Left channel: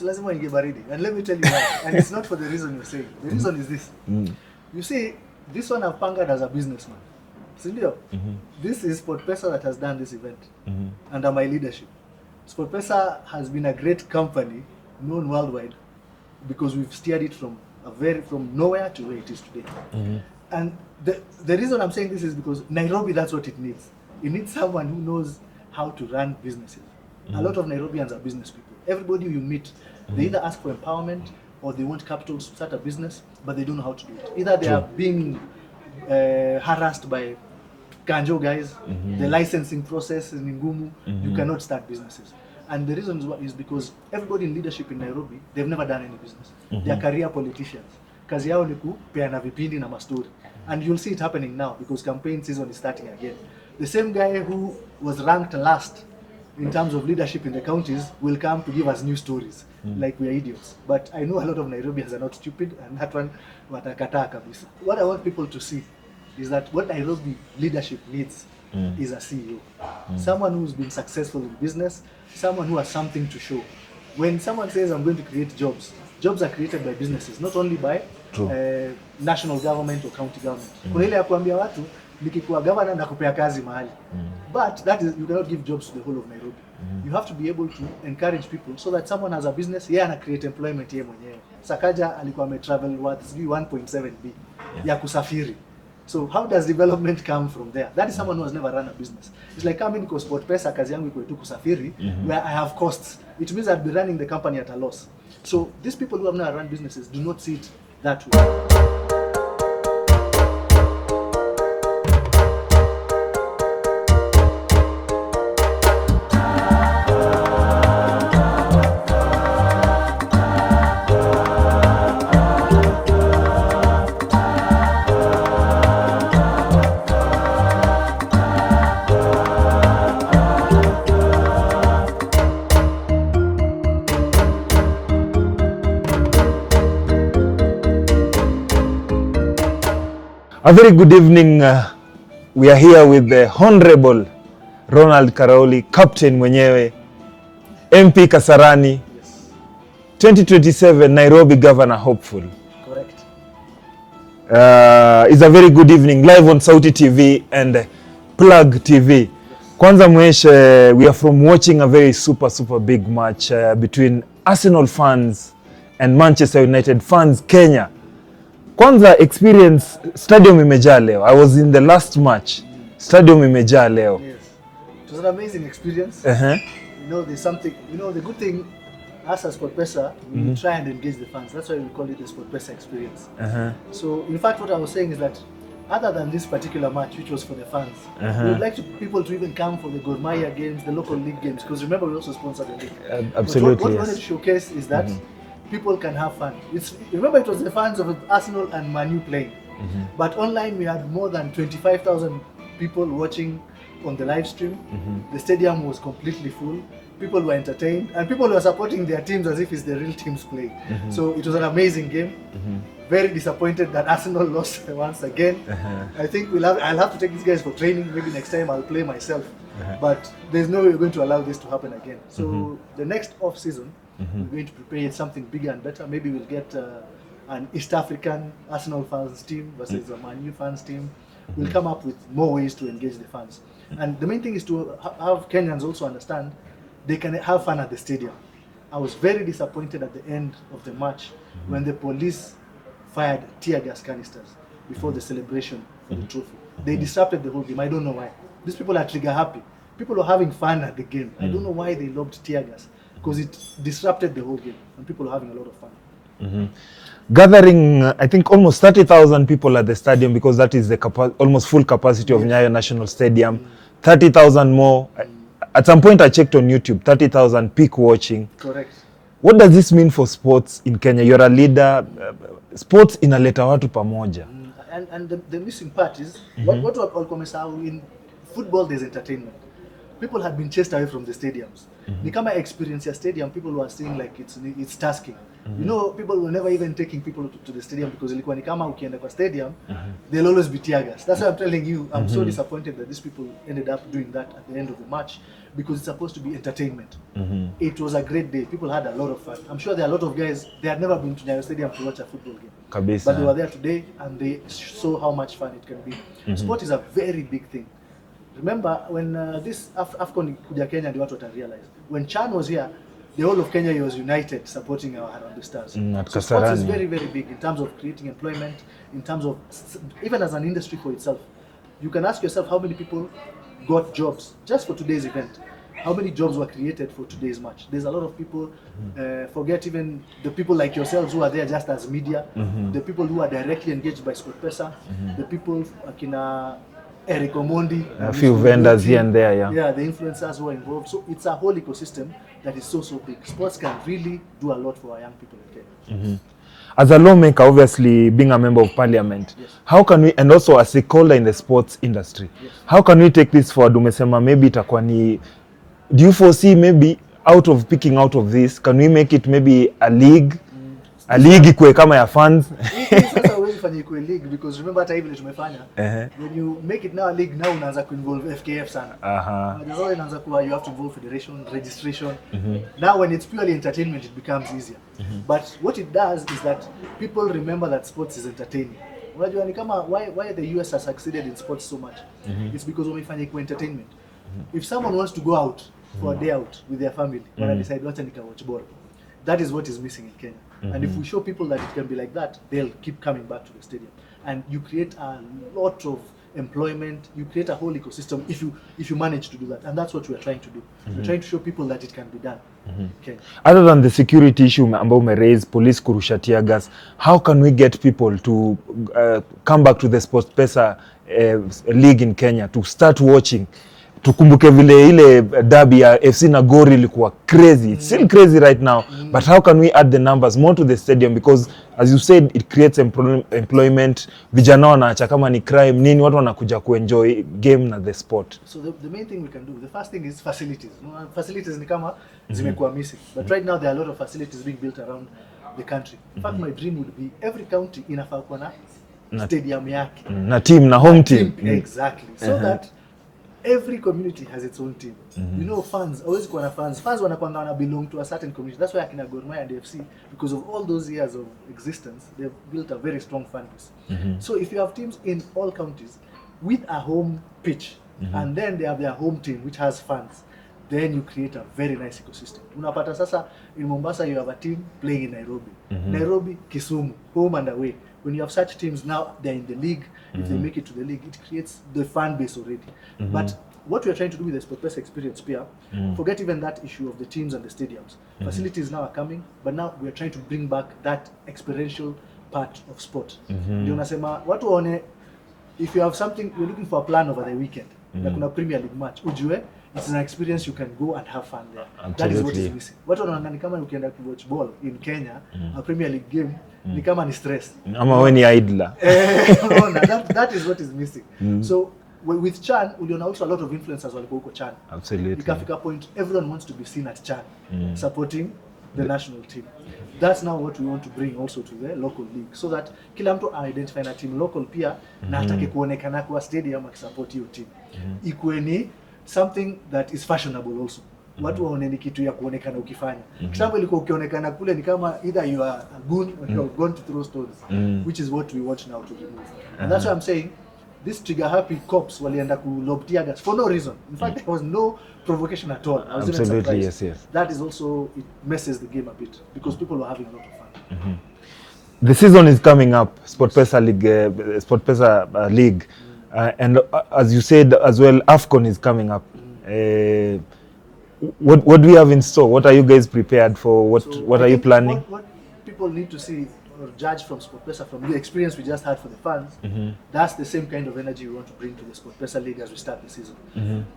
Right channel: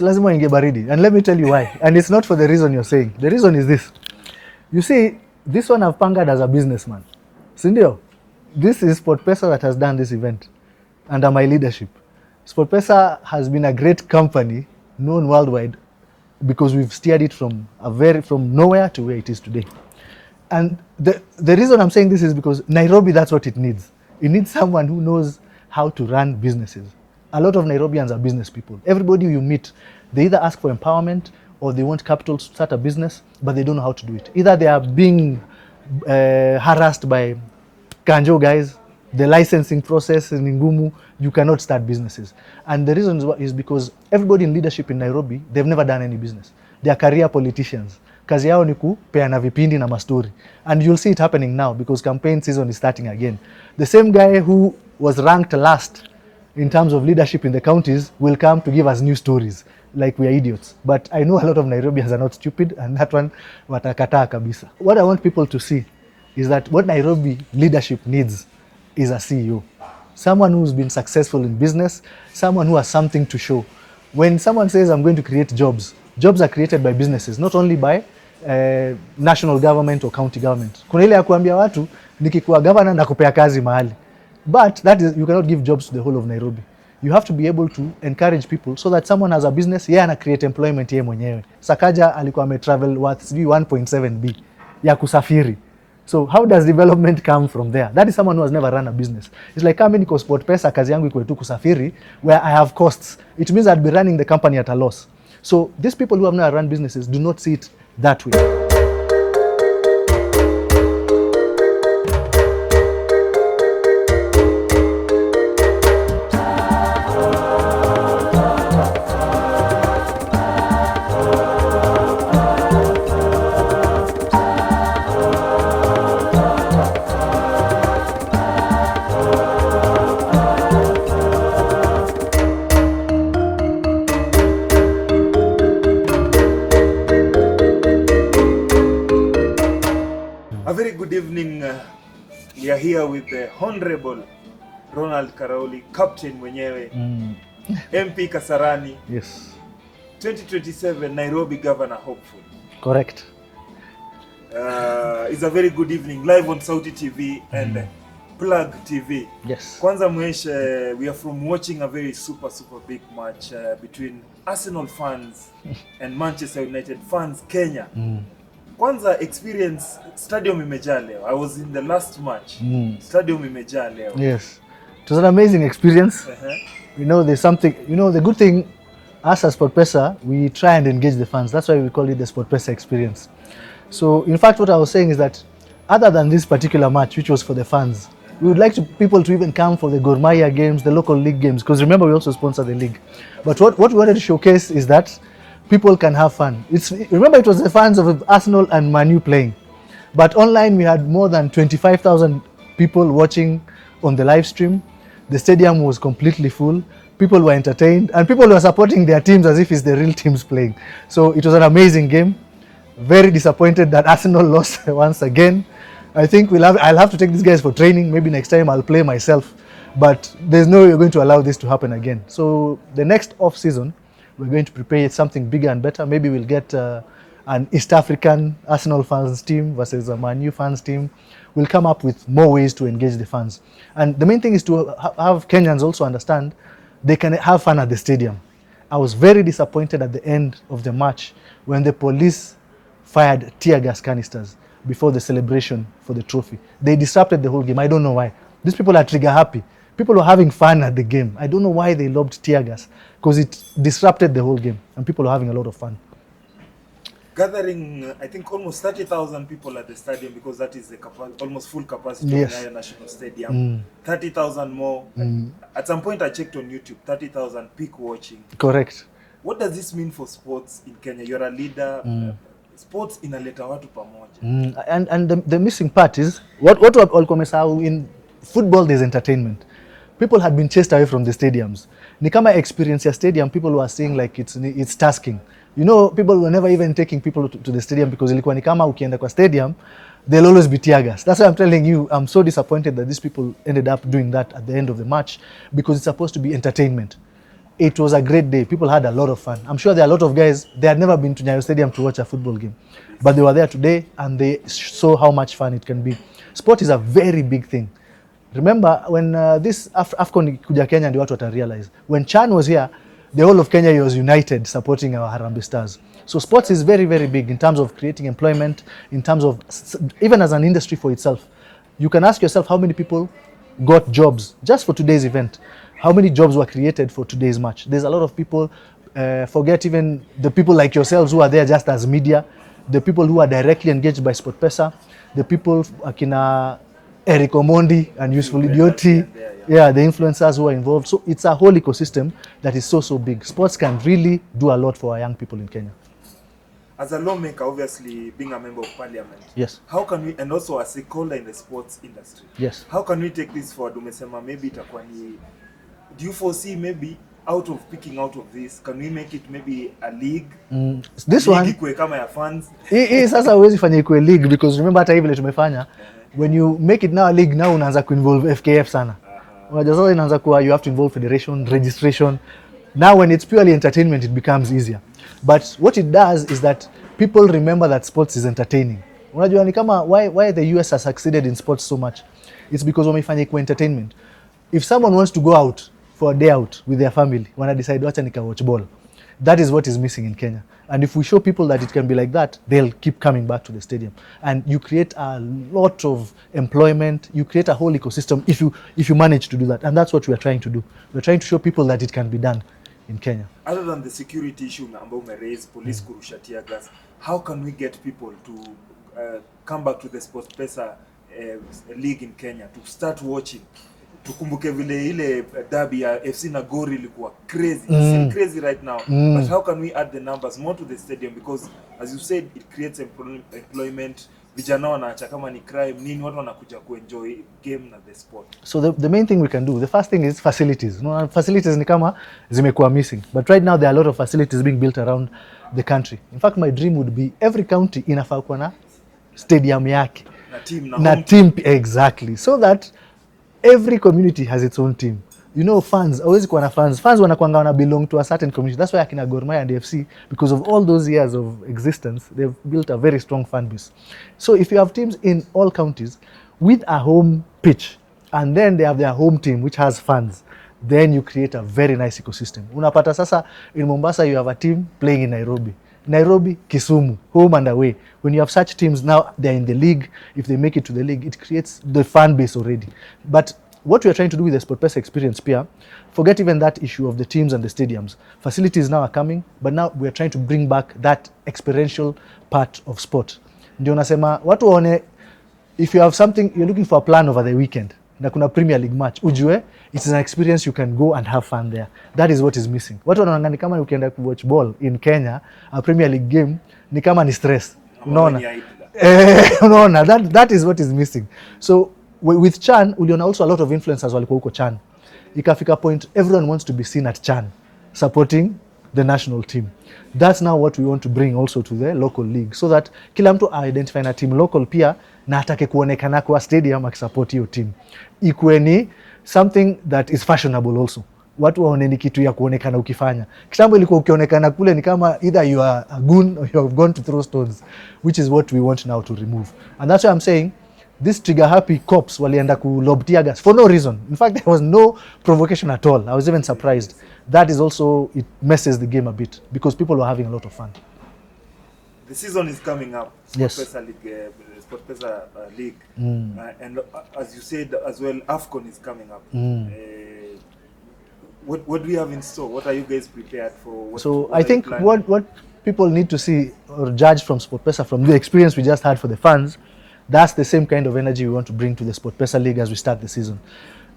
lazima inge baridi. And let me tell you why. And it's not for the reason you're saying. The reason is this. You see, this one I've pangered as a businessman. Sindio? This is SportPesa that has done this event under my leadership. SportPesa has been a great company known worldwide because we've steered it from nowhere to where it is today. And the reason I'm saying this is because Nairobi, that's what it needs. It needs someone who knows how to run businesses. A lot of Nairobians are business people. Everybody you meet, they either ask for empowerment or they want capital to start a business, but they don't know how to do it. Either they are being harassed by Kanjo guys, the licensing process in Ngumu, you cannot start businesses. And the reason is because everybody in leadership in Nairobi, they've never done any business. They are career politicians. Kazi yao ni kupeana vipindi na mastori. And you'll see it happening now because campaign season is starting again. The same guy who was ranked last in terms of leadership in the counties will come to give us new stories like we are idiots. But I know a lot of Nairobians are not stupid, and that one watakataa kabisa. What I want people to see is that what Nairobi leadership needs is a CEO. Someone who's been successful in business, someone who has something to show. When someone says I'm going to create jobs, jobs are created by businesses, not only by national government or county government. Kuna ile ya kuambia watu nikikuwa governor nakupea kazi mahali. But that is, you cannot give jobs to the whole of Nairobi. You have to be able to encourage people so that someone has a business, ana create employment yeye mwenyewe. Sakaja alikuwa travel worth 1.7 B ya kusafiri. So how does development come from there? That is someone who has never run a business. It's like coming to SportPesa, kazi yangu iko tu kusafiri, where I have costs. It means I'd be running the company at a loss. So these people who have never run businesses do not see it that way. A very good evening. We are here with the Honorable Ronald Karauri, Captain mwenyewe, MP Kasarani. Yes. 2027 Nairobi Governor hopeful. Correct. It's a very good evening live on Sauti TV and Plug TV. Yes. Kwanza mweshe, we are from watching a very super big match between Arsenal fans and Manchester United fans Kenya. Kwanza experience, stadium imejaa leo. I was in the last match. Stadium imejaa leo. Yes. It was an amazing experience. You know, there's something, you know, the good thing, us as SportPesa, we try and engage the fans. That's why we call it the SportPesa experience. So, in fact, what I was saying is that other than this particular match, which was for the fans, we would like people to even come for the Gor Mahia games, the local league games, because remember, we also sponsor the league. But what we wanted to showcase is that people can have fun. Remember, it was the fans of Arsenal and Man U playing. But online, we had more than 25,000 people watching on the live stream. The stadium was completely full. People were entertained, and people were supporting their teams as if it's the real teams playing. So it was an amazing game. Very disappointed that Arsenal lost once again. I think I'll have to take these guys for training. Maybe next time I'll play myself. But there's no way we're going to allow this to happen again. So the next off-season, we're going to prepare something bigger and better. Maybe we'll get an East African Arsenal fans team versus a Man U fans team. We'll come up with more ways to engage the fans. And the main thing is to have Kenyans also understand they can have fun at the stadium. I was very disappointed at the end of the match when the police fired tear gas canisters before the celebration for the trophy. They disrupted the whole game. I don't know why. These people are trigger happy. People were having fun at the game. I don't know why they lobbed tear gas, because it disrupted the whole game and people are having a lot of fun. Gathering, I think almost 30,000 people at the stadium, because that is the almost full capacity of Nyayo National Stadium. 30,000 more. At some point I checked on YouTube, 30,000 peak watching. Correct. What does this mean for sports in Kenya? You're a leader. Sports inaleta watu pamoja. And the missing part is, what walikuwa wamesahau, in football there's entertainment. people had been chased away from the stadiums. Ni kama experience ya stadium, people were saying like it's tasking. You know, people were never even taking people to the stadium because ilikuwa ni kama ukienda kwa stadium, they'll always be tear gas. That's why I'm telling you, I'm so disappointed that these people ended up doing that at the end of the match, because it's supposed to be entertainment. It was a great day. People had a lot of fun. I'm sure there are a lot of guys, they had never been to Nyayo Stadium to watch a football game. Kabisa. But they were there today and they saw how much fun it can be. Sport is a very big thing. Remember when this AFCON kuja Kenya ndio watu watarealize. When Chan was here, the whole of Kenya was united supporting our Harambee Stars. So sports is very, very big in terms of creating employment, in terms of, even as an industry for itself. You can ask yourself how many people got jobs just for today's event. How many jobs were created for today's match? There's a lot of people, forget even the people like yourselves who are there just as media, the people who are directly engaged by SportPesa, the people akina Eric Omondi and a few vendors here and there, yeah, the influencers who are involved. So it's a whole ecosystem that is so big. Sports can really do a lot for our young people in Kenya. As a lawmaker, obviously being a member of parliament, yes, how can we, and also a stakeholder in the sports industry, yes, how can we take this forward? Umesema maybe itakuwa ni, do you foresee maybe picking out of this, can we make it maybe a league? A league ikue kama ya fans. Hii sasa huwezi fanya ikue league, because remember hata hivi tumefanya, when you make it now a league, now unaanza kuinvolve FKF sana. Unajua sasa inaanza kuwa you have to involve federation, registration. Now when it's purely entertainment, it becomes easier. But what it does is that people remember that sports is entertaining. Unajua ni kama why the US has succeeded in sports so much. It's because wamefanya ikue entertainment. If someone wants to go out for a day out with their family, when I decide wacha nika watch ball, that is what is missing in Kenya. And if we show people that it can be like that, they'll keep coming back to the stadium. And you create a lot of employment, you create a whole ecosystem if you manage to do that. And that's what we are trying to do. We're trying to show people that it can be done in Kenya. Other than the security issue ambao raise, police kurusha tear gas, how can we get people to come back to the SportPesa league in Kenya, to start watching? Tukumbuke vile ile derby ya FC na Gor ilikuwa crazy. It's still crazy right now. But how can we add the numbers more to the stadium? Because as you said, it creates employment. Vijana wanaacha kama ni crime nini, watu wanakuja kuenjoy game na the sport. So the main thing we can do, the first thing is facilities. No, facilities ni kama zimekuwa missing. But right now there are a lot of facilities being built around the country. In fact, my dream would be every county inafaa kuwa na stadium yake. Na team, na home team. Exactly. So that every community has its own team. You know, fans, always kuwa na fans. Fans wanakuanga wana belong to a certain community. That's why akina Gor Mahia and FC, because of all those years of existence, they've built a very strong fan base. So if you have teams in all counties with a home pitch, and then they have their home team which has fans, then you create a very nice ecosystem. Unapata sasa in Mombasa you have a team playing in Nairobi. Nairobi, Kisumu, home and away. When you have such teams now, they're in the league. If they make it to the league, it creates the fan base already. But what we are trying to do with the SportPesa experience, Pia, forget even that issue of the teams and the stadiums. Facilities now are coming, but now we are trying to bring back that experiential part of sport. Ndio nasema watu waone, if you have something, you're looking for a plan over the weekend, na kuna Premier League match, ujue it is an experience you can go and have fun there. Absolutely. That is what is missing. Watu wanaona ni kama ukienda ku watch ball in Kenya, a Premier League game, ni kama ni stress. Ama wewe ni idler. Unaona, that is what is missing. So with Chan, uliona also a lot of influencers walikuwa huko Chan. Absolutely. Ikafika point everyone wants to be seen at Chan, supporting the national team. That's now what we want to bring also to the local league, so that kila mtu identify na team local pia, na atake kuonekana kwa stadium akisupport hiyo team. Ikuwe ni something that is fashionable also. Watu waone ni kitu ya kuonekana ukifanya. Kitambo ilikuwa ukionekana kule ni kama either you are a goon or you have gone to throw stones, which is what we want now to remove. And that's why I'm saying this trigger happy cops walienda ku lob tear gas for no reason. In fact, there was no provocation at all. I was even surprised. Yes. That is also, it messes the game a bit because people were having a lot of fun. The season is coming up, SportPesa League, SportPesa League, and as you said as well, AFCON is coming up. What do we have in store? What are you guys prepared for? What are you planning? What people need to see or judge from SportPesa, from the experience we just had for the fans, that's the same kind of energy we want to bring to the SportPesa League as we start the season.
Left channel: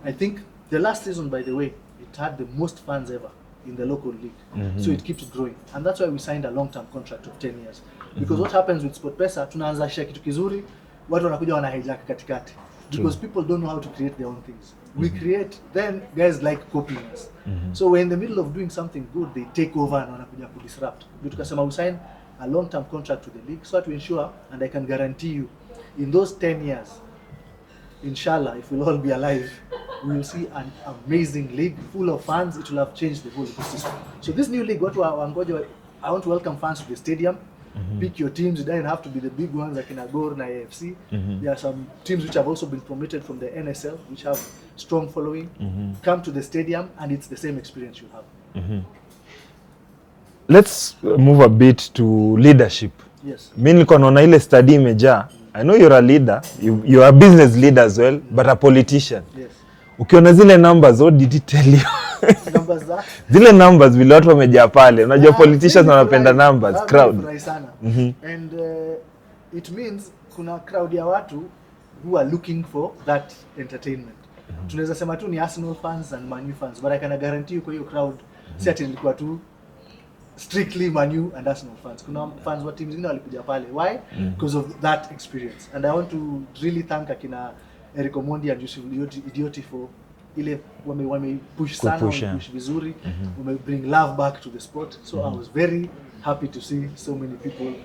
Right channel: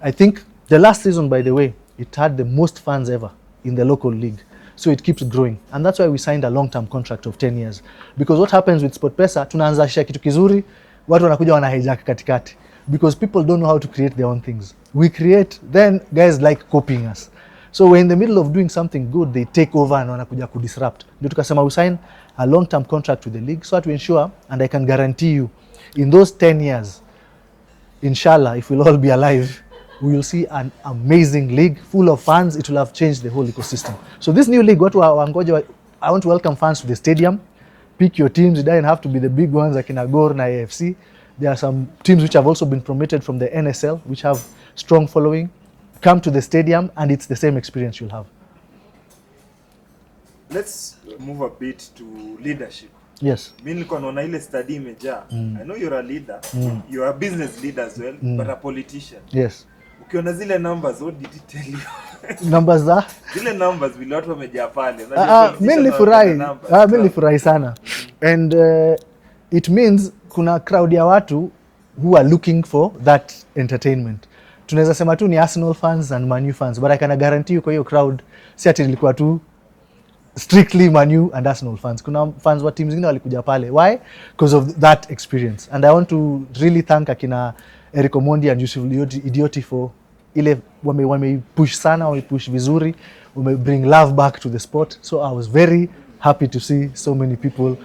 I think the last season, by the way, it had the most fans ever in the local league. So it keeps growing. And that's why we signed a long-term contract of 10 years. Because what happens with SportPesa, tunaanzisha kitu kizuri, watu wanakuja wana hijack katikati. because people don't know how to create their own things. We create, then guys like copying us. So we're in the middle of doing something good, they take over and wanakuja kudisrupt. Ndio tukasema we sign a long-term contract with the league so that we ensure, and I can guarantee you, in those 10 years, inshallah, if we'll all be alive, we will see an amazing league full of fans. It will have changed the whole ecosystem. So this new league, I want to welcome fans to the stadium. Pick your teams. It doesn't have to be the big ones like in Agor na AFC. There are some teams which have also been promoted from the NSL, which have strong following. Come to the stadium and it's the same experience you'll have. Let's move a bit to leadership. Yes. Mimi nilikuwa naona ile study imejaa. I know you're a leader. You're a business leader as well, but a politician. Yes. Ukiona zile numbers, what did it tell you? Numbers za? Zile numbers vile watu wamejaa pale. Unajua politicians wanapenda numbers. Mimi nifurahi sana. And it means kuna crowd ya watu who are looking for that entertainment. Tunaweza sema tu ni Arsenal fans and Man U fans, but I can guarantee you kwa hiyo crowd si ati ilikuwa tu strictly Man U and Arsenal fans. Kuna fans wa teams zingine walikuja pale. Why? Because of that experience. And I want to really thank akina Eric Omondi and Yusuf Idioti for ile wame push sana, wame push vizuri, wame bring love back to the sport. So I was very happy to see so many people,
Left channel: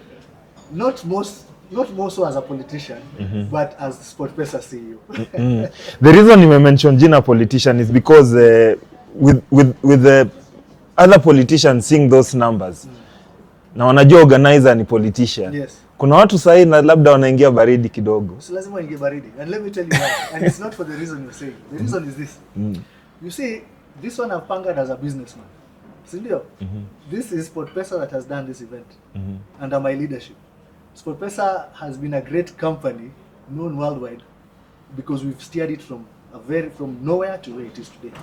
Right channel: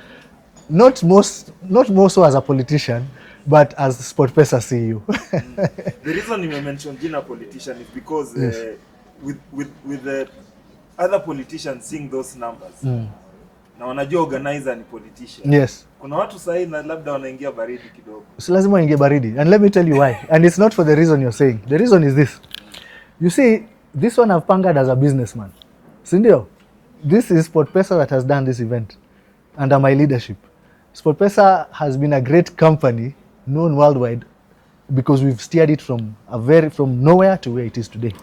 not more so as a politician, but as SportPesa CEO. The reason you mentioned jina politician is because with the other politicians seeing those numbers, na wanajua organizer ni politician. Yes. Kuna watu sahi na labda wanaingia baridi kidogo. So lazima waingie baridi. And let me tell you why. And it's not for the reason you're saying. The reason is this. You see, this one I've pangered as a businessman. Sindio? This is SportPesa that has done this event under my leadership. SportPesa has been a great company known worldwide because we've steered it from nowhere to where it is today.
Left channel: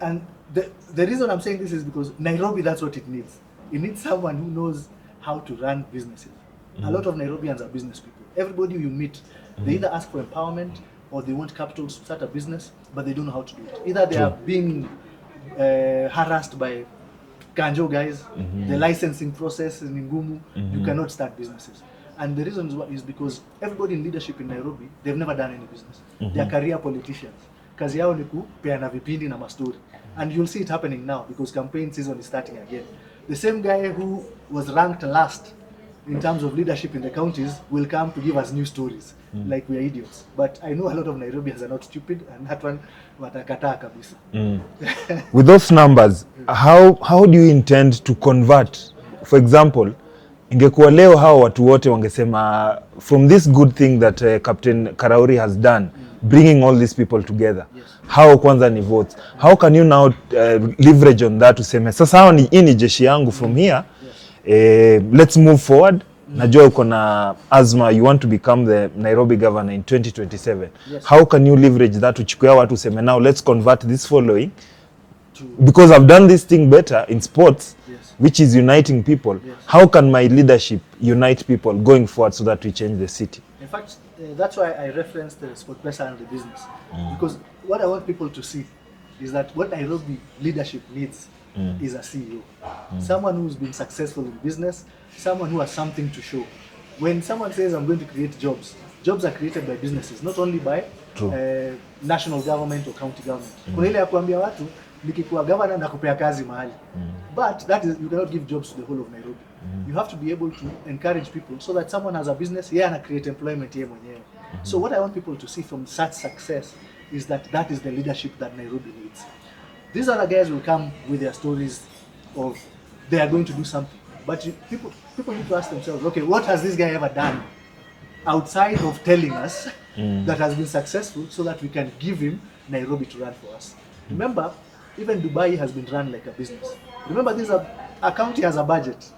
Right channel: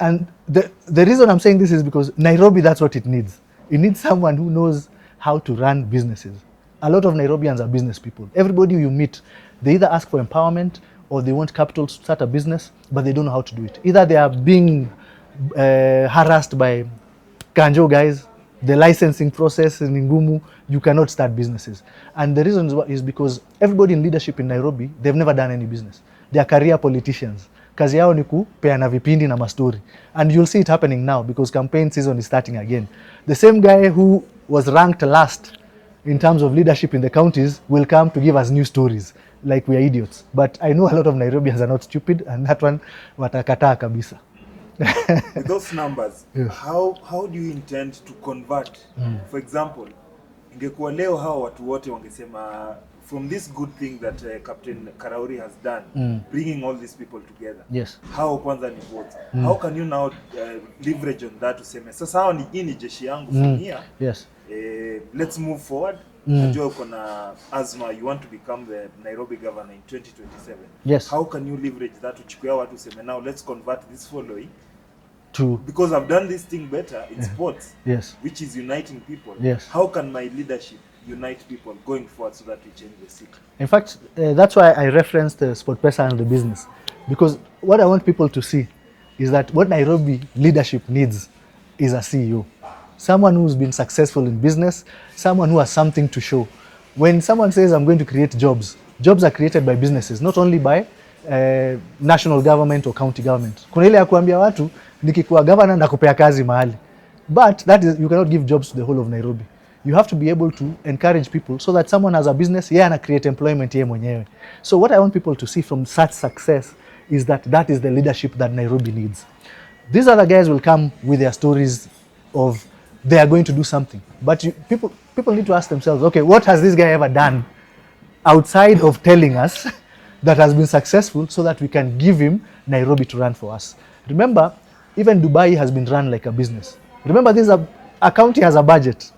And the reason I'm saying this is because Nairobi, that's what it needs. It needs someone who knows how to run businesses. A lot of Nairobians are business people. Everybody you meet, they either ask for empowerment or they want capital to start a business, but they don't know how to do it. Either they are being harassed by Kanjo guys, the licensing process in Ngumu, you cannot start businesses. And the reason is because everybody in leadership in Nairobi, they've never done any business. They are career politicians. Kazi yao ni kupeana vipindi na mastori. And you'll see it happening now because campaign season is starting again. The same guy who was ranked last in terms of leadership in the counties will come to give us new stories like we are idiots. But I know a lot of Nairobians are not stupid, and that one watakataa kabisa. With those numbers, how do you intend to convert? For example, ingekuwa leo hao watu wote wangesema from this good thing that Captain Karauri has done, bringing all these people together. Yes. How kwanza ni votes? How can you now leverage on that to say sasa hao ni jeshi yangu from here? Yes. Let's move forward. Najua uko na azma, you want to become the Nairobi governor in 2027. Yes. How can you leverage that to chukua watu seme now let's convert this following To because I've done this thing better in sports, yes. which is uniting people. Yes. How can my leadership unite people going forward so that we change the city? In fact, that's why I referenced the SportPesa and the business. Because what I want people to see is that what Nairobi leadership needs is a CEO. Someone who's been successful in business, someone who has something to show. When someone says, I'm going to create jobs, jobs are created by businesses, not only by national government or county government. Kuna ile ya kuambia watu, nikikuwa governor nakupea kazi mahali. But that is, you cannot give jobs to the whole of Nairobi. You have to be able to encourage people so that someone has a business, and create employment yeye mwenyewe. So what I want people to see from such success is that is the leadership that Nairobi needs. These other guys will come with their stories of they are going to do something. But people need to ask themselves, okay, what has this guy ever done outside of telling us that has been successful so that we can give him Nairobi to run for us? Remember, even Dubai has been run like a business. Remember, a county has a budget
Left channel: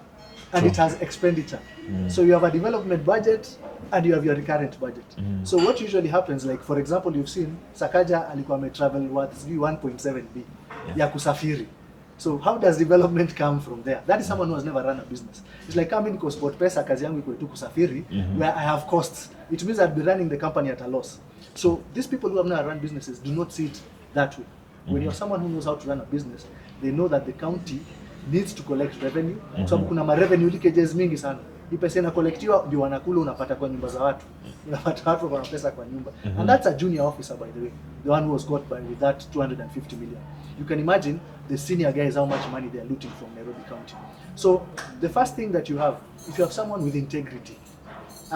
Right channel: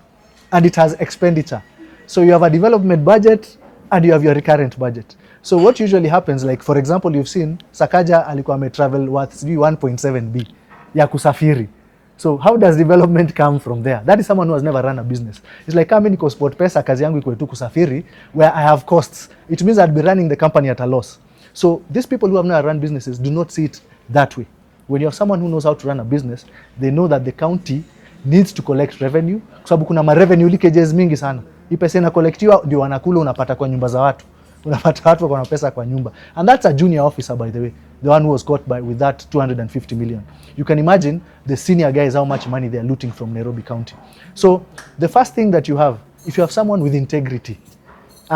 and it has expenditure. So you have a development budget and you have your recurrent budget. So what usually happens, like for example, you've seen Sakaja alikuwa ametravel worth 1.7 B ya kusafiri. So how does development come from there? That is someone who has never run a business. It's like coming to SportPesa, kazi yangu iko tu kusafiri, where I have costs. It means I'd be running the company at a loss. So these people who have never run businesses do not see it that way. When you have someone who knows how to run a business, they know that the county needs to collect revenue. Kwa sababu kuna ma revenue leakages mingi sana. Hii pesa inakolektiwa ndio wanakula, unapata kwa nyumba za watu. unapata watu wako na pesa kwa nyumba. And that's a junior officer, by the way, the one who was caught with that 250 million. You can imagine the senior guys how much money they are looting from Nairobi County. So the first thing that you have, if you have someone with integrity,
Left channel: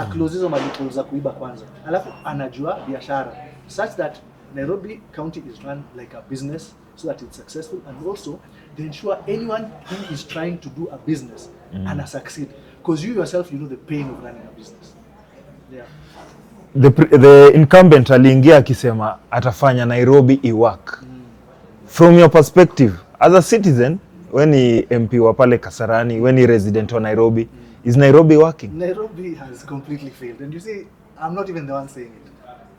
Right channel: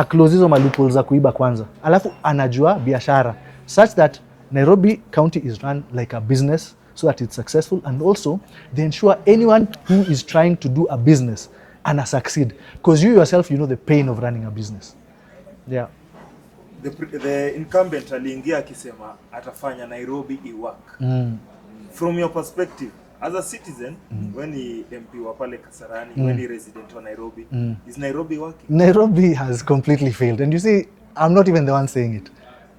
close hizo loopholes za kuiba kwanza, alafu anajua biashara, such that Nairobi County is run like a business so that it's successful, and also they ensure anyone who is trying to do a business and succeed, because you yourself, you know the pain of running a business. Yeah. The incumbent aliingia akisema atafanya Nairobi iwork. From your perspective as a citizen, when ni MP wa pale Kasarani, when ni resident wa Nairobi, is Nairobi working? Nairobi has completely failed. And you see, I'm not even the one saying it.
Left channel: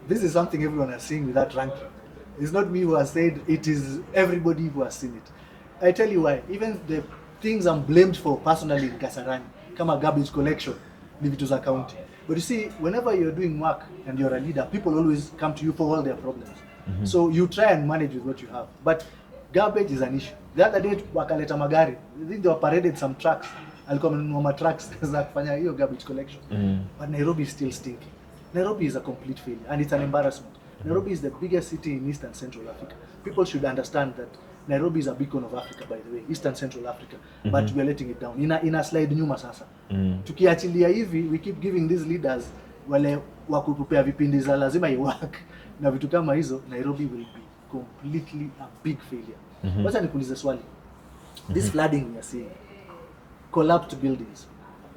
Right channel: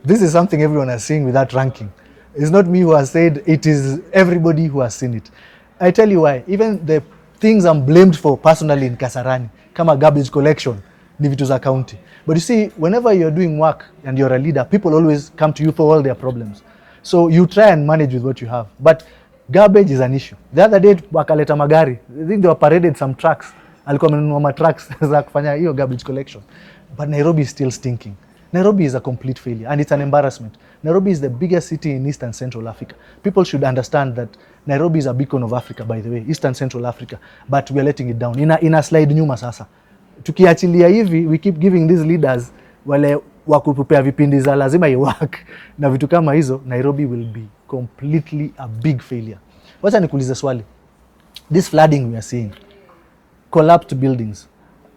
This is something everyone has seen with that ranking. It's not me who has said, it is everybody who has seen it. I tell you why. Even the things I'm blamed for personally in Kasarani, kama garbage collection, ni vitu za county. But you see, whenever you're doing work and you're a leader, people always come to you for all their problems. So you try and manage with what you have. But garbage is an issue. The other day, wakaleta magari. I think they were paraded some trucks. Alikuwa amenunua trucks za kufanya hiyo garbage collection. But Nairobi is still stinking. Nairobi is a complete failure and it's an embarrassment. Nairobi is the biggest city in East and Central Africa. People should understand that Nairobi is a beacon of Africa, by the way, East and Central Africa, but we are letting it down. In a slide nyuma sasa. Tukiachilia hivi, we keep giving these leaders wale wakupupea vipindi za lazima iwork na vitu kama hizo, Nairobi will be completely a big failure. Wacha nikuulize swali. This flooding we are seeing, collapsed buildings,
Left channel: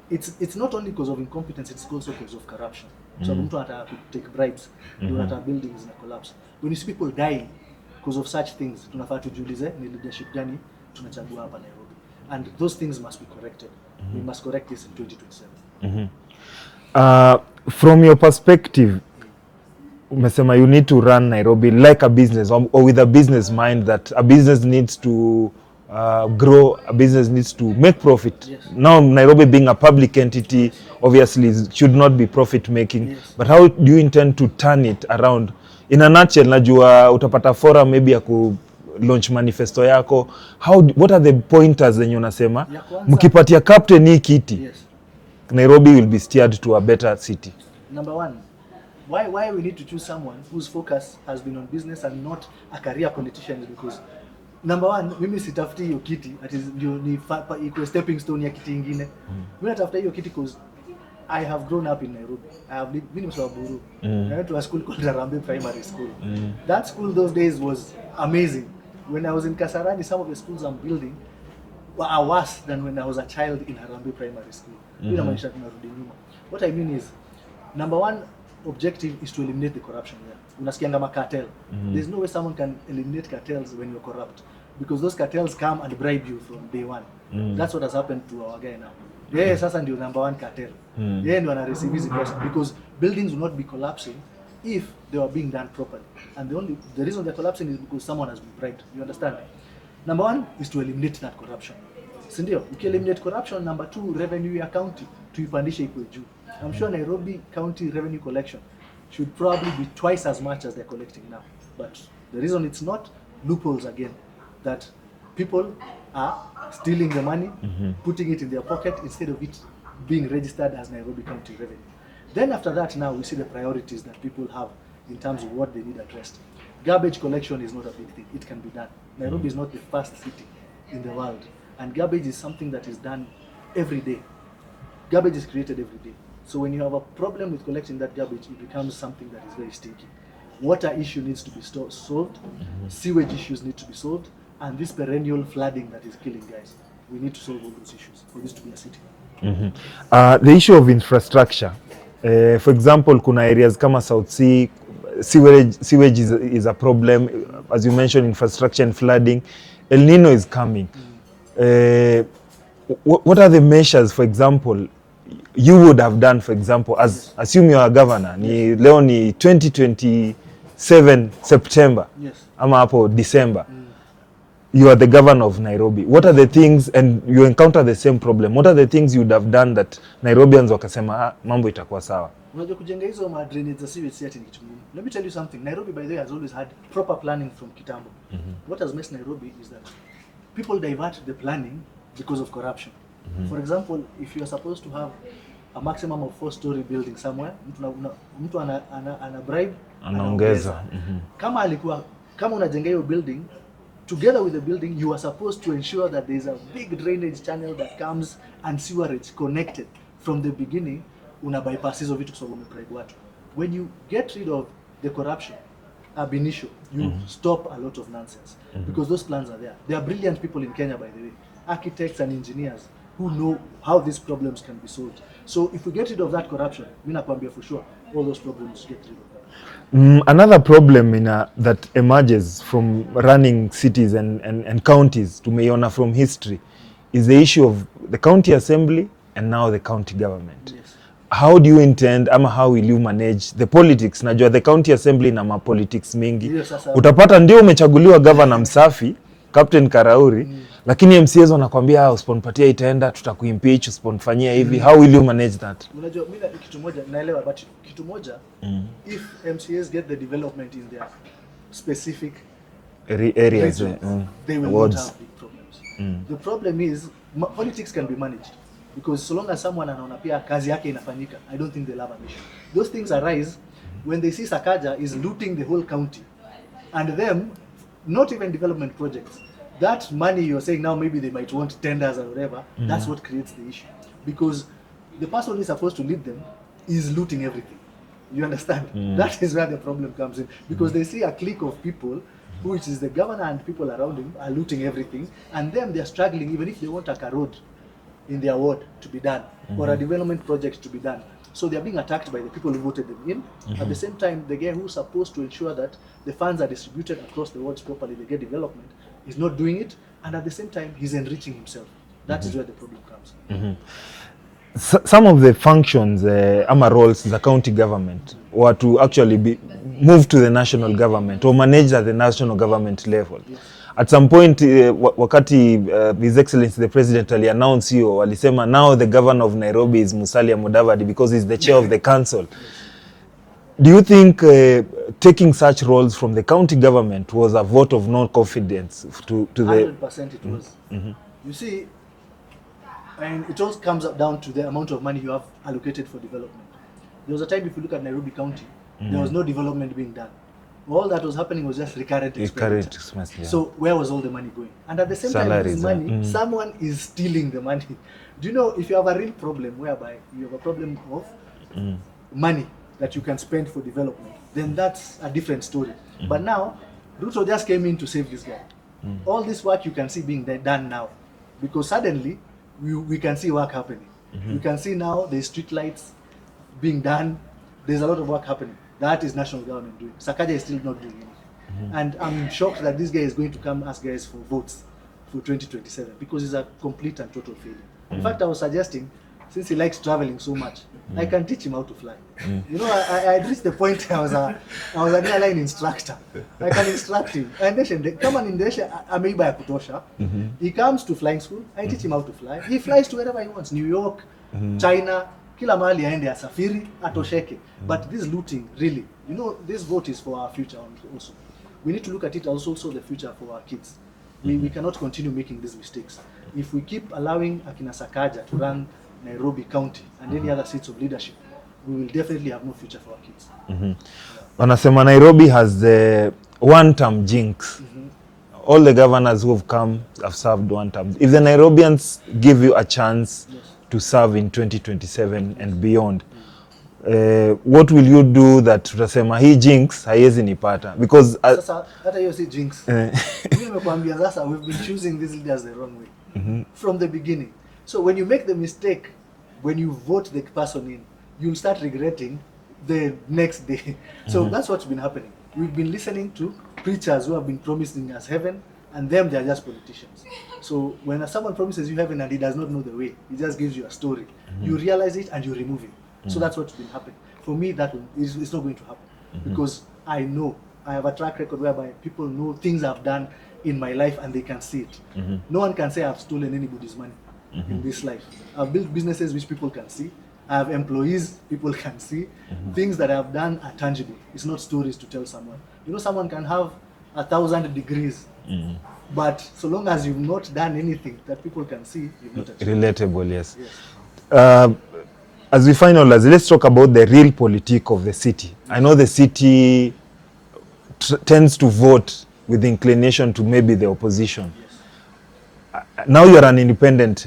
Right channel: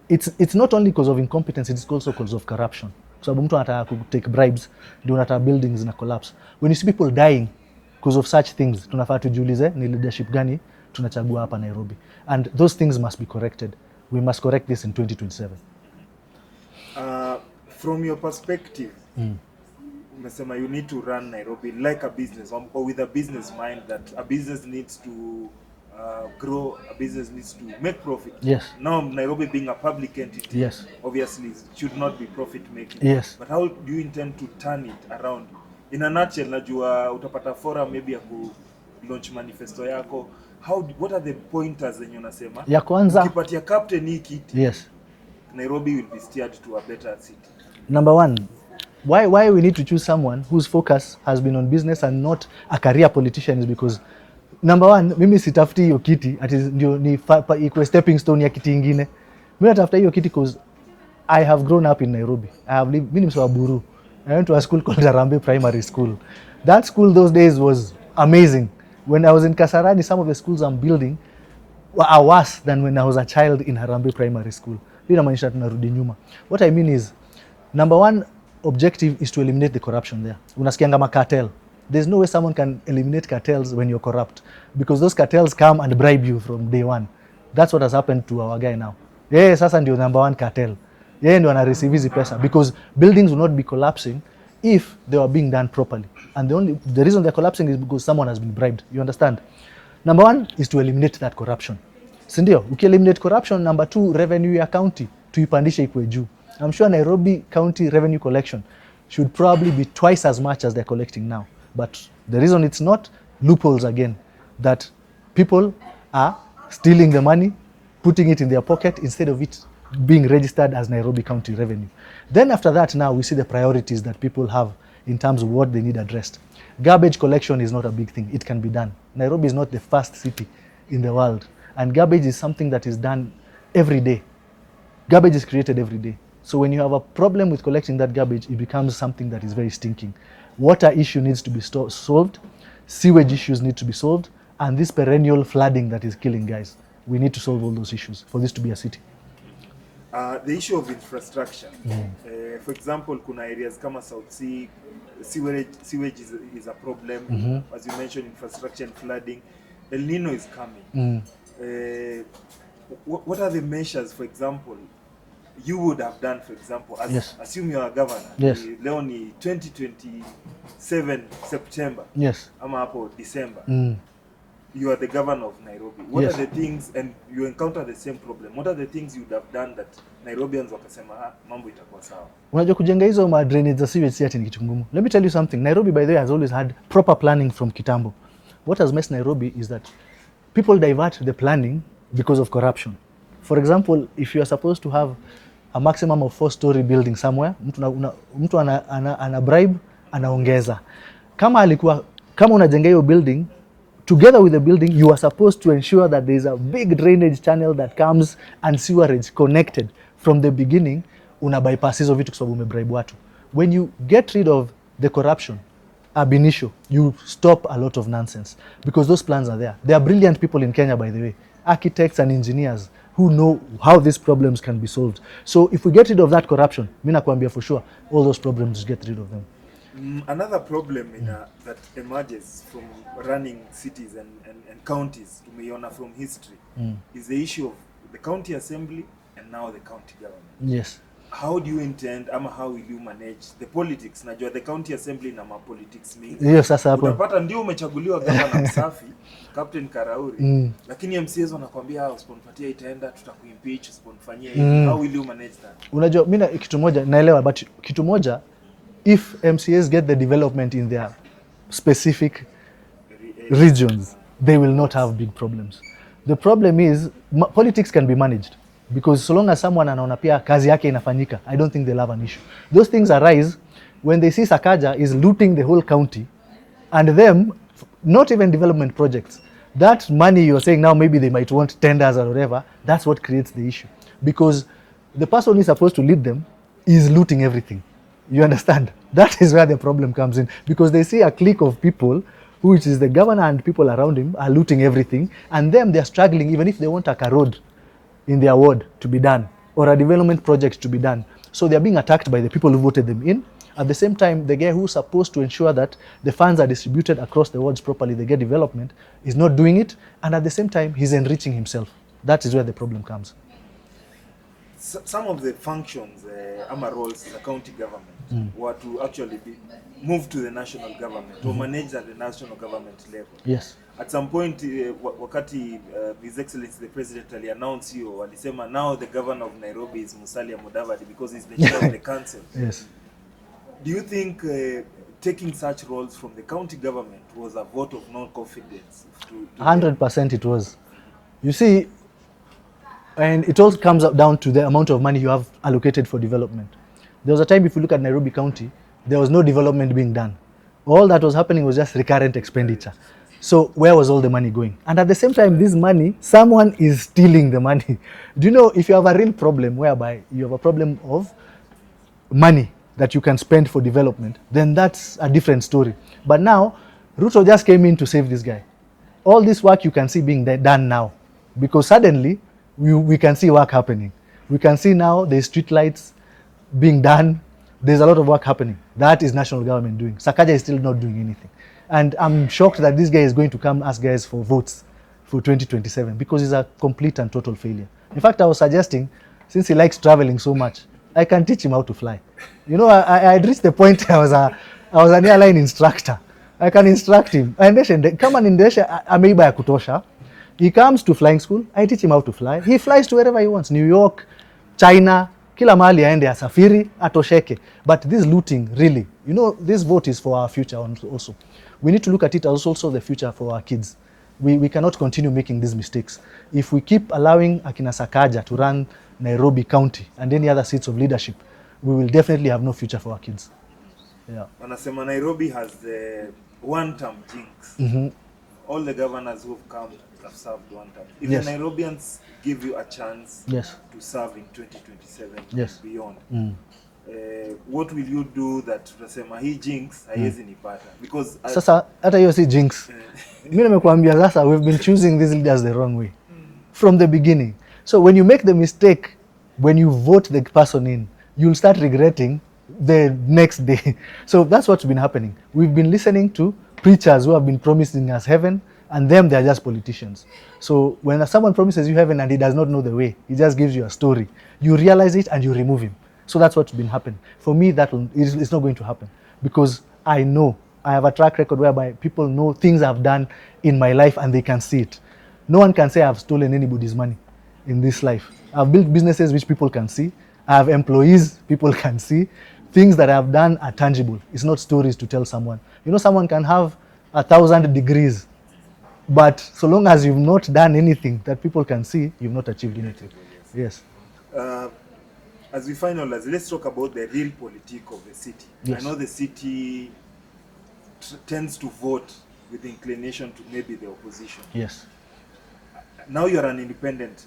it's not only because of incompetence, it's also because of corruption. So mtu anataka take bribes, ndio anataka buildings na collapse. When you see people dying because of such things, tunafaa tujiulize ni leadership gani tunachagua hapa Nairobi, and those things must be corrected. We must correct this in 2027. From your perspective, umesema you need to run Nairobi like a business, or with a business mind, that a business needs to grow, a business needs to make profit. Yes. Now Nairobi being a public entity, obviously should not be profit making. Yes. But how do you intend to turn it around? In a nutshell, najua utapata forum maybe ya ku launch manifesto yako. What are the pointers zenye unasema? Ya kwanza, mkipatia captain hii kiti, yes, Nairobi will be steered to a better city. Number one, why we need to choose someone whose focus has been on business and not a career politician is because, number one, mimi sitafuti hiyo kiti ati ndio ni iko stepping stone ya kiti ingine. Mimi natafuta hiyo kiti because I have grown up in Nairobi. I have lived, mimi ni Buru. I went to a school called Harambe Primary School. That school those days was amazing. When I was in Kasarani, some of the schools I'm building are worse than when I was a child in Harambe Primary School. Inamaanisha tunarudi nyuma. What I mean is, number one objective is to eliminate the corruption there. Unasikianga macartel. There's no way someone can eliminate cartels when you're corrupt, because those cartels come and bribe you from day one. That's what has happened to our guy now. Yeah, sasa ndio number one cartel. Yeah, ndio ana receive hizi pesa, because buildings will not be collapsing if they were being done properly. And the reason they're collapsing is because someone has been bribed. You understand? Number one is to eliminate that corruption. Si ndio? Uki-eliminate corruption, number two, revenue ya county tuipandishe ikuwe juu. I'm sure Nairobi County revenue collection should probably be twice as much as they're collecting now. But the reason it's not, loopholes again, that people are stealing the money, putting it in their pocket instead of it being registered as Nairobi County revenue. Then after that, now we see the priorities that people have in terms of what they need addressed. Garbage collection is not a big thing. It can be done. Nairobi is not the first city in the world. And garbage is something that is done every day. Garbage is created every day. So when you have a problem with collecting that garbage, it becomes something that is very stinking. Water issue needs to be solved. Sewage issues need to be solved. And this perennial flooding that is killing guys. We need to solve all those issues for this to be a city. The issue of infrastructure. For example, kuna areas kama South Sea, sewage is a problem. As you mentioned, infrastructure and flooding. El Nino is coming. What are the measures, for example, you would have done, for example, as assume you are a governor, leo ni 2027 September, ama hapo December, you are the governor of Nairobi. What are the things, and you encounter the same problem, what are the things you would have done that Nairobians wakasema mambo itakuwa sawa? Unajua kujenga hizo ma drainage za sewage si ati ni kitu ngumu. Let me tell you something. Nairobi, by the way, has always had proper planning from kitambo. What has messed Nairobi is that people divert the planning because of corruption. For example, if you are supposed to have a maximum of 4-story building somewhere, mtu ana bribe, anaongeza. Kama unajenga hiyo building, together with the building, you are supposed to ensure that there is a big drainage channel that comes and sewerage connected from the beginning. Una bypass hizo vitu kwa sababu umebribe watu. When you get rid of the corruption ab initio, you stop a lot of nonsense, because those plans are there. There are brilliant people in Kenya, by the way, architects and engineers who know how these problems can be solved. So if we get rid of that corruption, mimi nakwambia for sure all those problems get rid of them. Another problem that emerges from running cities and counties, tumeiona from history, is the issue of the county assembly and now the county government. Yes. How do you intend, ama how will you manage the politics? Najua the county assembly na politics mingi. Yes, sasa utapata ndio umechaguliwa governor msafi Captain Karauri, lakini MCAs wanakwambia usiponipatia itaenda, tutakuimpeach, usiponifanyia hivi. How will you manage that? Unajua mimi kitu moja naelewa, but kitu moja, if MCAs get the development in their specific regions, they will not have big problems. The problem is politics can be managed, because so long as someone anaona pia kazi yake inafanyika, I don't think they'll have an issue. Those things arise when they see Sakaja is looting the whole county, and them not even development projects. That money you're saying now, maybe they might want tenders or whatever, that's what creates the issue. Because the person who is supposed to lead them is looting everything. You understand? That is where the problem comes in. Because they see a clique of people, which is the governor and people around him, are looting everything, and them they're struggling even if they want a road in their ward to be done, or a development project to be done. So they're being attacked by the people who voted them in. At the same time, the guy who's supposed to ensure that the funds are distributed across the wards properly, they get development, is not doing it. And at the same time, he's enriching himself. That is where the problem comes. Some of the functions, ama roles, the county government were to actually be moved to the national government or managed at the national government level. Yes. At some point, wakati His Excellency the President announced hiyo, walisema now the governor of Nairobi is Musalia Mudavadi because he's the chair of the council. Yes. Do you think taking such roles from the county government was a vote of non-confidence to 100% it was. You see, and it all comes up down to the amount of money you have allocated for development. There was a time, if you look at Nairobi County, there was no development being done. All that was happening was just recurrent expenditure. Yeah. So where was all the money going? And at the same time, this money, someone is stealing the money. Do you know, if you have a real problem whereby you have a problem of money that you can spend for development, then that's a different story. But now, Ruto just came in to save this guy. All this work you can see being done now, because suddenly we can see work happening. We can see now the street lights being done. There's a lot of work happening. That is national government doing. Sakaja is still not doing anything. And I'm shocked that this guy is going to come ask guys for votes for 2027, because he's a complete and total failure. In fact, I was suggesting, since he likes traveling so much, I can teach him how to fly. You know, I had reached the point I was an airline instructor. I can instruct him. Come on, ameiba ya kutosha. He comes to flying school. I teach him how to fly. He flies to wherever he wants. New York, China, kila mahali aende asafiri, atosheke. But this looting, really, you know, this vote is for our future also. We need to look at it as also the future for our kids. We cannot continue making these mistakes. If we keep allowing Akina Sakaja to run Nairobi County and any other seats of leadership, we will definitely have no future for our kids. Wanasema Nairobi has the one-term jinx. All the governors who have come have served one term. If the Nairobians give you a chance to serve in 2027 and beyond, what will you do that tutasema hii jinx haiwezi nipata? Because sasa hata hiyo si jinx. Mimi nimekuambia sasa, we've been choosing these leaders the wrong way from the beginning. So when you make the mistake, when you vote the person in, you'll start regretting the next day. So that's what's been happening. We've been listening to preachers who have been promising us heaven, and them, they're just politicians. So when someone promises you heaven and he does not know the way, he just gives you a story. You realize it and you remove him. So that's what's been happening. For me, it's not going to happen, because I know, I have a track record whereby people know things I've done in my life and they can see it. No one can say I've stolen anybody's money in this life. I've built businesses which people can see. I have employees people can see. Things that I've done are tangible. It's not stories to tell someone. You know, someone can have 1,000 degrees, but so long as you've not done anything that people can see, you've not achieved. Relatable, yes. Yes. as we finalize, let's talk about the real politique of the city. Yes. I know the city tends to vote with inclination to maybe the opposition. Yes. Now you're an independent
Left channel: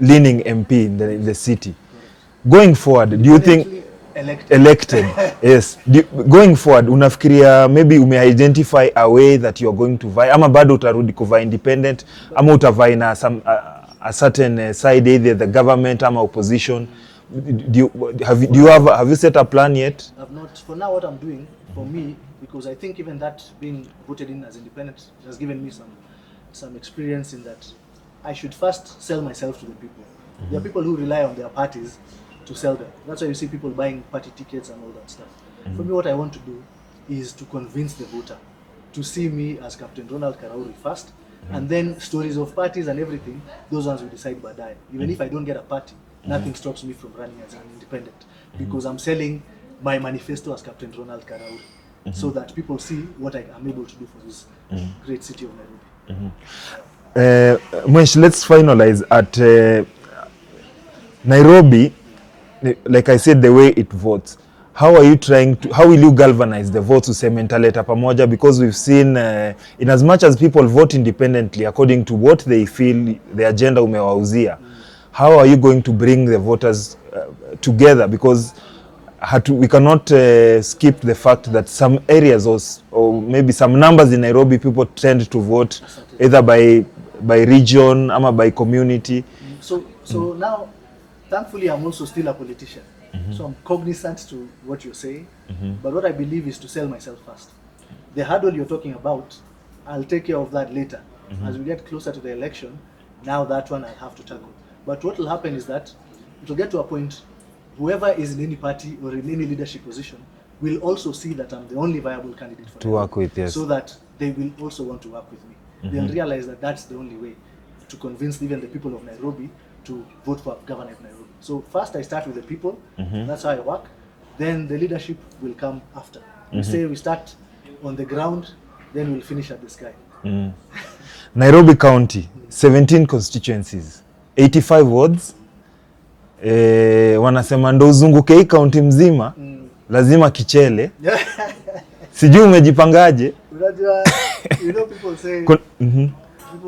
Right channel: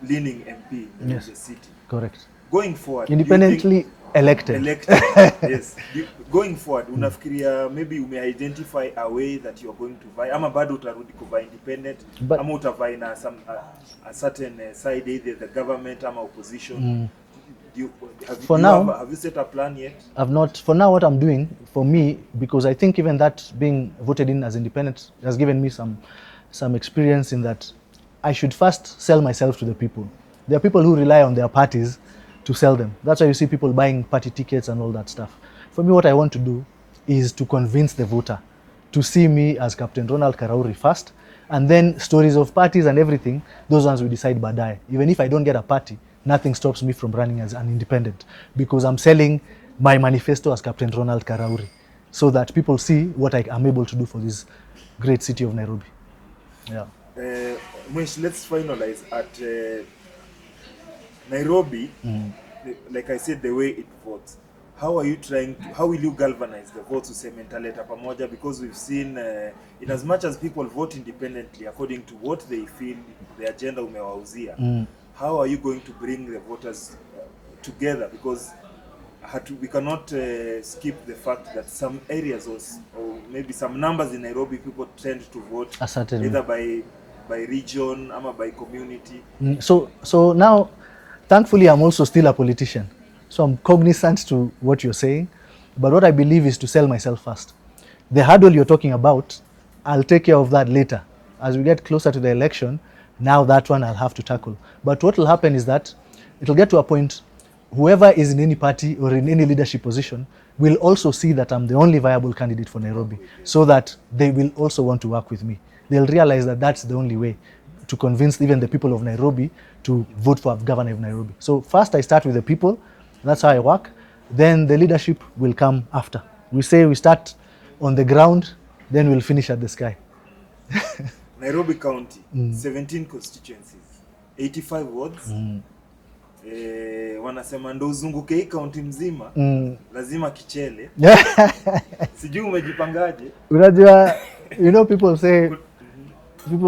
leaning MP in the city. Correct. Going forward, do you think elected yes, going forward unafikiria maybe ume-identify a way that you're going to vie, ama bado utarudi kuvaa independent, ama utavai na some a certain side, either the government ama opposition? Have you set a plan yet? I've not. For now, what I'm doing, for me, because I think even that being voted in as independent has given me some experience in that I should first sell myself to the people. There are people who rely on their parties to sell them. That's why you see people buying party tickets and all that stuff. For me, what I want to do is to convince the voter to see me as Captain Ronald Karauri first, and then stories of parties and everything, those ones we decide badai. Even if I don't get a party, nothing stops me from running as an independent, because I'm selling my manifesto as Captain Ronald Karauri, so that people see what I am able to do for this great city of Nairobi. Mwesh, let's finalize at Nairobi. Like I said, the way it votes, how are you trying to, how will you galvanize the votes useme ntaleta pamoja? Because we've seen in as much as people vote independently according to what they feel the agenda umewauzia, how are you going to bring the voters together? Because we cannot skip the fact that some areas or maybe some numbers in Nairobi, people tend to vote either by region or by community. So now, thankfully, I'm also still a politician. So I'm cognizant to what you're saying. But what I believe is to sell myself first. The hurdle you're talking about, I'll take care of that later. As we get closer to the election, now that one I'll have to tackle. But what will happen is that it'll get to a point, whoever is in any party or in any leadership position will also see that I'm the only viable candidate for Nairobi. So that they will also want to work with me. They'll realize that that's the only way to convince even the people of Nairobi to vote for a governor of Nairobi. So first I start with the people, that's how I work. Then the leadership will come after. We say we start on the ground, then we'll finish at the sky. Nairobi County, 17 constituencies, 85 wards. Wanasema ndo uzunguke hii county mzima, lazima kichele. Sijui umejipangaje? Unajua, you know, people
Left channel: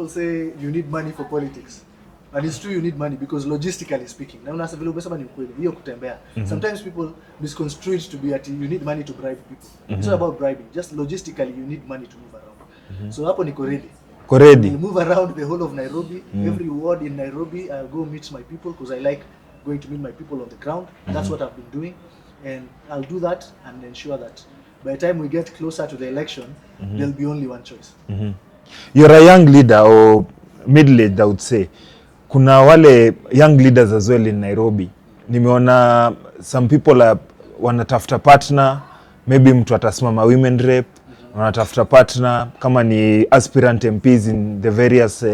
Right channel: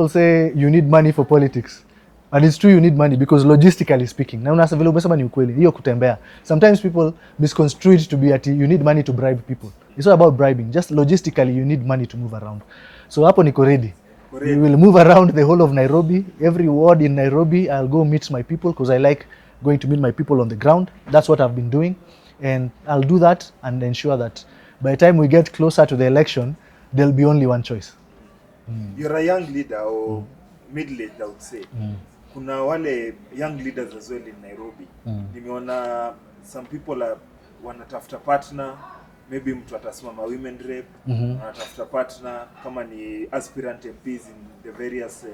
say you need money for politics. And it's true, you need money, because logistically speaking, na unasa vile umesema ni ukweli, hiyo kutembea. Sometimes people misconstrue it to be that you need money to bribe people. It's not about bribing, just logistically you need money to move around. So hapo niko ready. We'll move around the whole of Nairobi. Every ward in Nairobi, I'll go meet my people, because I like going to meet my people on the ground. That's what I've been doing. And I'll do that and ensure that by the time we get closer to the election, there'll be only one choice. You're a young leader, or middle-aged, I would say. Kuna wale young leaders as well in Nairobi. Nimeona some people wanatafuta partner, maybe mtu atasimama women rep, wanatafuta partner kama ni aspirant MPs in the various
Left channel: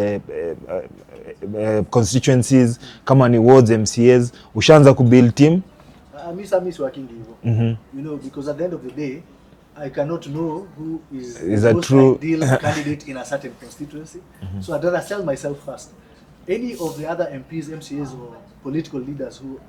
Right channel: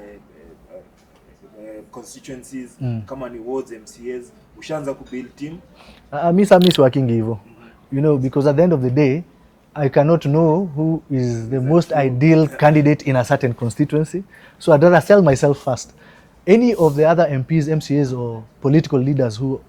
constituencies, kama ni wards, MCAs. Ushaanza kubuild team? Miss working hivyo. You know, because at the end of the day, I cannot know who is the most ideal candidate in a certain constituency. So I'd rather sell myself first. Any of the other MPs, MCAs, or political leaders who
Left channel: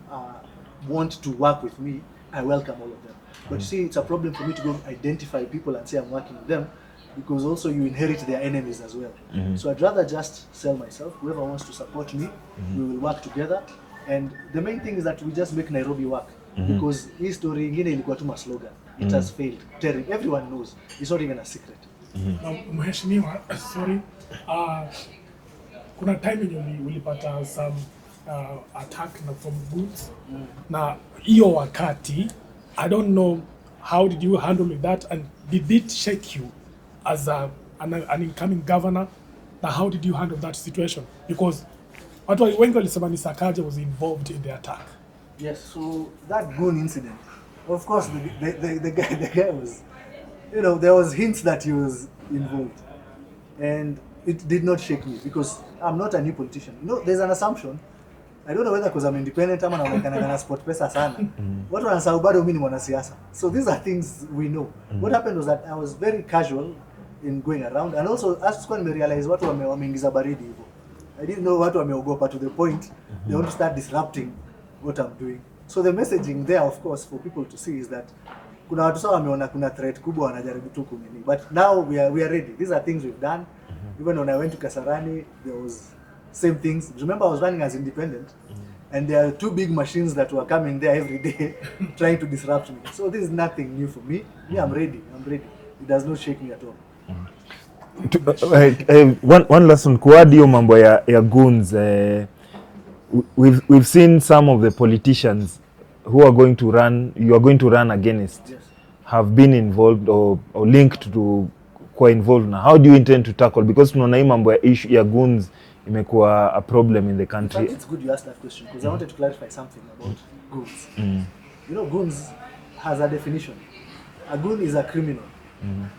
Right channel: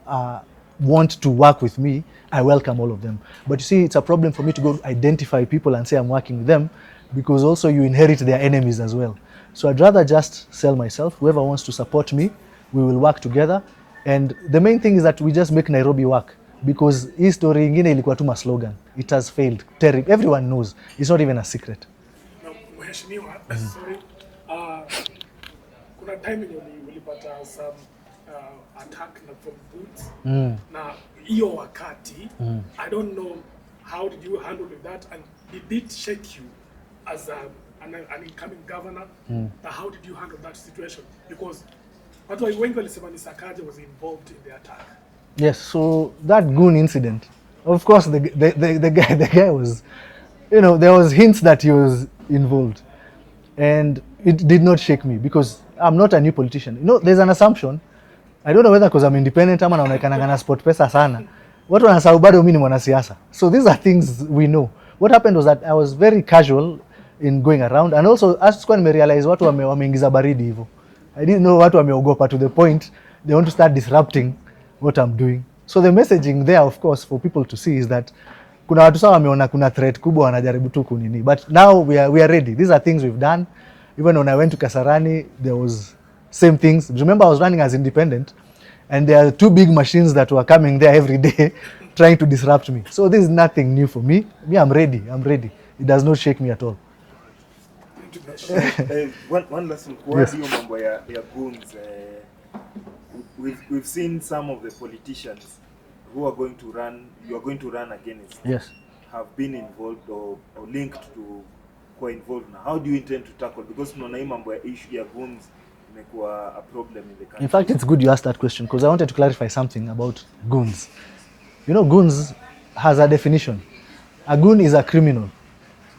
want to work with me, I welcome all of them. But you see, it's a problem for me to go identify people and say I'm working with them, because also you inherit their enemies as well. So I'd rather just sell myself. Whoever wants to support me, we will work together. And the main thing is that we just make Nairobi work. Because hii story ingine ilikuwa tu slogan. It has failed. Terrible. Everyone knows. It's not even a secret. Now, Mheshimiwa, sorry. Kuna time yenye ulipata some attack from goods. Na hiyo wakati, I don't know how did you handle that, and did it shake you as an incoming governor? Now how did you handle that situation? Because watu wengi walisema ni Sakaja was involved in the attack. Yes, so that goon incident, of course the guy was, you know, there was hints that he was involved, and it did not shake me, because I'm not a new politician. You know, there's an assumption, I don't know whether because I'm independent ama naonekana na sport pesa sana. Watu wanasahau bado mimi ni mwanasiasa. So these are things we know. What happened was that I was very casual in going around, and also as kwa nimerealize watu wameingiza baridi hivyo. I didn't know watu wameogopa to the point they want to start disrupting what I'm doing. So the messaging there, of course, for people to see is that kuna watu sawa wameona kuna threat kubwa wanajaribu tu kunini. But now we are ready. These are things we've done. Even when I went to Kasarani, there was same things. Remember, I was running as independent, and there are 2 big machines that were coming there every day trying to disrupt me. So this is nothing new for me. Me, I'm ready. It does not shake me at all. One last one, kuadi hiyo mambo ya goons. We've seen some of the politicians who are going to run, you are going to run against, Yes, have been involved or linked to kwa involved now. How do you intend to tackle, because tunaona hii mambo ya issue ya goons imekuwa a problem in the country? in fact, it's good you asked that question because I wanted to clarify something about goons. You know, goons has a definition. A goon is a criminal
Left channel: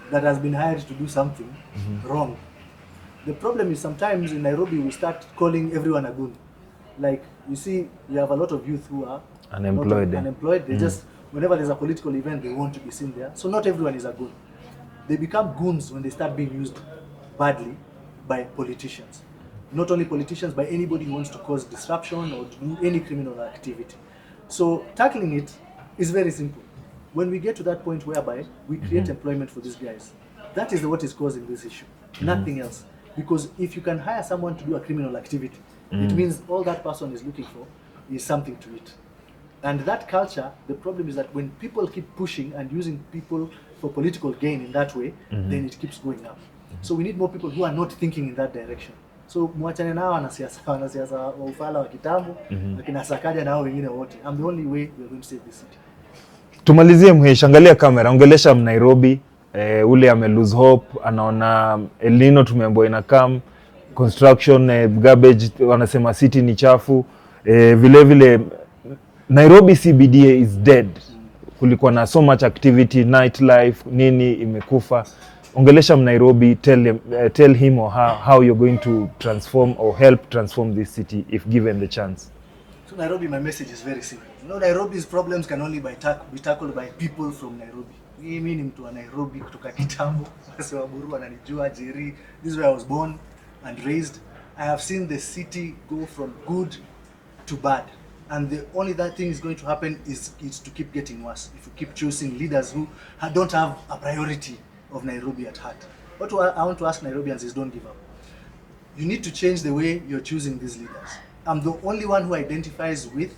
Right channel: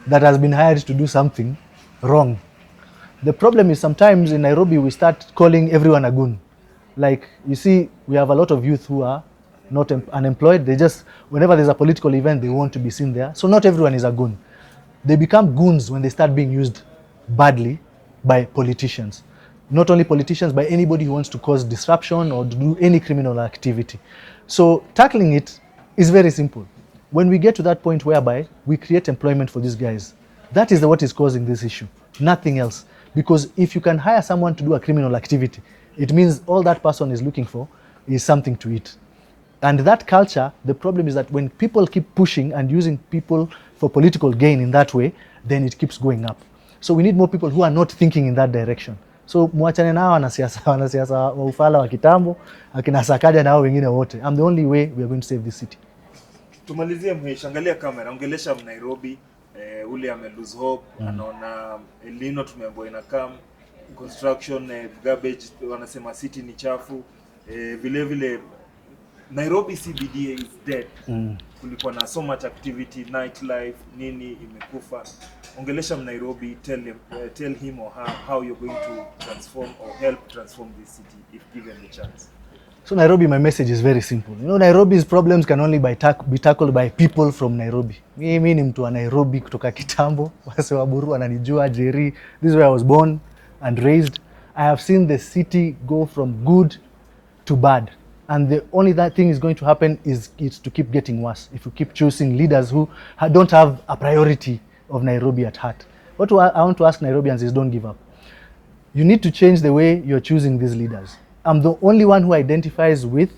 that has been hired to do something wrong. The problem is sometimes in Nairobi we start calling everyone a goon. Like, you see, we have a lot of youth who are Unemployed. not unemployed. They just, whenever there's a political event, they want to be seen there. So not everyone is a goon. They become goons when they start being used badly by politicians. Not only politicians, but anybody who wants to cause disruption or to do any criminal activity. So tackling it is very simple. When we get to that point whereby we create employment for these guys, that is what is causing this issue, nothing else. Because if you can hire someone to do a criminal activity, it means all that person is looking for is something to eat. And that culture, the problem is that when people keep pushing and using people for political gain in that way, then it keeps going up. So we need more people who are not thinking in that direction. So muachane nao wanasiasa wa ufala wa kitambo, akina Sakaja na hao wengine wote. I'm the only way we are going to save this city. Tumalizie Mhesh, angalia kamera, ongelesha Nairobi, ule ame lose hope, anaona El Nino tumeambiwa ina come, construction, garbage, wanasema city ni chafu, vile vile Nairobi CBD is dead. Kulikuwa na so much activity, nightlife, nini imekufa. Ongelesha Nairobi, tell him or her how you're going to transform or help transform this city if given the chance. So Nairobi, my message is very simple. You know, Nairobi's problems can only be tackled by people from Nairobi. Mimi ni mtu wa Nairobi kutoka kitambo, wase wa Buru wananijua, Jerry. This is where I was born and raised. I have seen the city go from good to bad. And the only that thing is going to happen is it's to keep getting worse if you keep choosing leaders who don't have a priority of Nairobi at heart. What I want to ask Nairobians is don't give up. You need to change the way you're choosing these leaders. I'm the only one who identifies with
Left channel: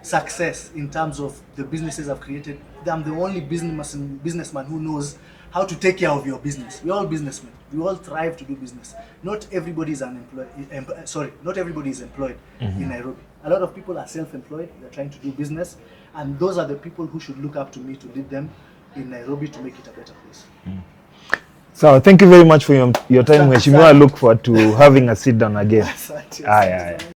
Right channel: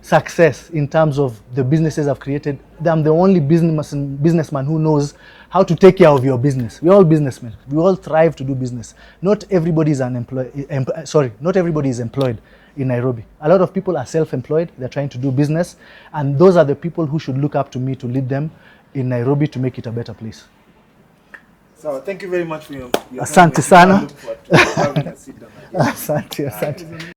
success in terms of the businesses I've created. I'm the only businessman who knows how to take care of your business. We're all businessmen. We all thrive to do business. Not everybody is not everybody is employed in Nairobi. A lot of people are self-employed. They're trying to do business, and those are the people who should look up to me to lead them in Nairobi to make it a better place. So thank you very much for your time. Asante We sana. look forward to having a sit down again. Asante.